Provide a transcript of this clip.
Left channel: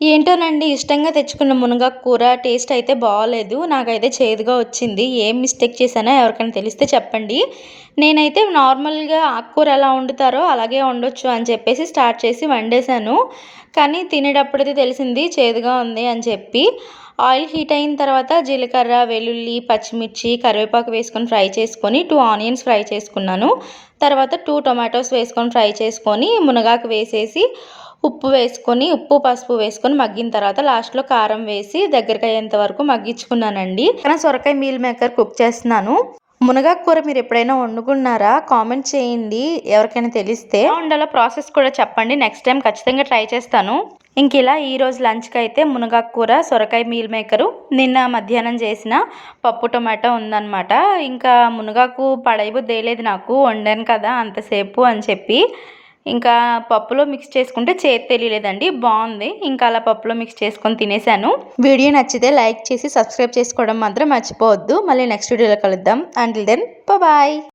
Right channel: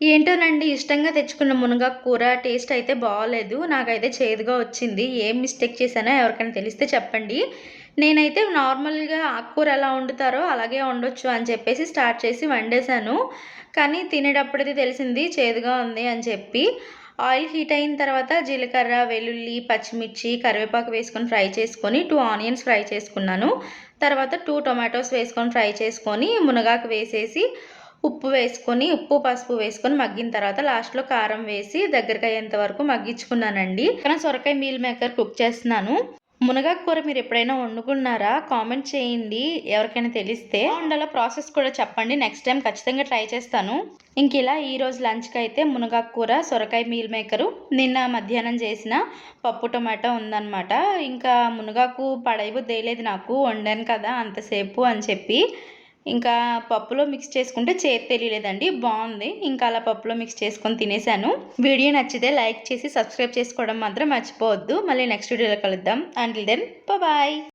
ఏంటోనండి ఇష్టంగా తెచ్చుకున్న మునగాకు కూర టేస్ట్ అయితే బాలేదు. నాకైతే చేదుగా వచ్చింది. ఏం మిస్టేక్ చేశానో ఎవరికైనా తెలిస్తే చెప్పండి. నేనైతే నార్మల్‌గా ఆకుకూర ఎలా వండుతారో అలాగే వండొచ్చు అని చెప్పేసి స్టార్ట్ చేసి వండేశాను. కానీ తినేటప్పుడైతే తెలిసింది చేదుగా ఉంది అని చెప్పి. ఆయిల్ హీట్ అయిన తర్వాత జీలకర్ర, వెల్లుల్లి, పచ్చిమిర్చి, కరివేపాకు వేసుకొని ఫ్రై చేసుకొని 2 ఆనియన్స్ ఫ్రై చేసుకున్నాను. తర్వాత 2 టొమాటోస్ వేసుకొని ఫ్రై చేసుకొని మునగాకు వేసేసి ఉప్పు, పసుపు వేసుకొని మగ్గిన తర్వాత లాస్ట్‌లో కారం వేసి దగ్గరకయ్యేంత వరకు మగ్గించుకున్నానండి. కానీ సొరకాయ మీల్ మేకర్ కుక్ చేస్తున్నాను. మునగాకు కూర మీరెప్పుడైనా వండుకున్నారా? కామెంట్ చేయండి. ఎవరికైనా తెలిస్తే. ఎలా వండాలో ప్రాసెస్ కూడా చెప్పండి. నెక్స్ట్ టైం ఖచ్చితంగా ట్రై చేస్తాను. ఇంకిలా ఈరోజు లంచ్‌కైతే మునగాకు కూర, సొరకాయ మీల్ మేకరు, నిన్న మధ్యాహ్నం చేసిన పప్పు టమాటా ఉందనమాట. ఇంకా మునగాకు పడేయబుద్దేయలేదు నాకు. వండాను కదా అంతసేపు అని చెప్పి. ఇంకా పప్పులో మిక్స్ చేసుకుంటే చేదు తెలియలేదండి. బావుంది. ఇంకా అలా పప్పులో మిక్స్ చేసుకొని తినేసాను. వీడియో నచ్చితే లైక్ చేసి సబ్స్క్రైబ్ చేసుకోవడం మాత్రం మర్చిపోవద్దు. మళ్ళీ నెక్స్ట్ వీడియోలో కలుద్దాం. Until then bye.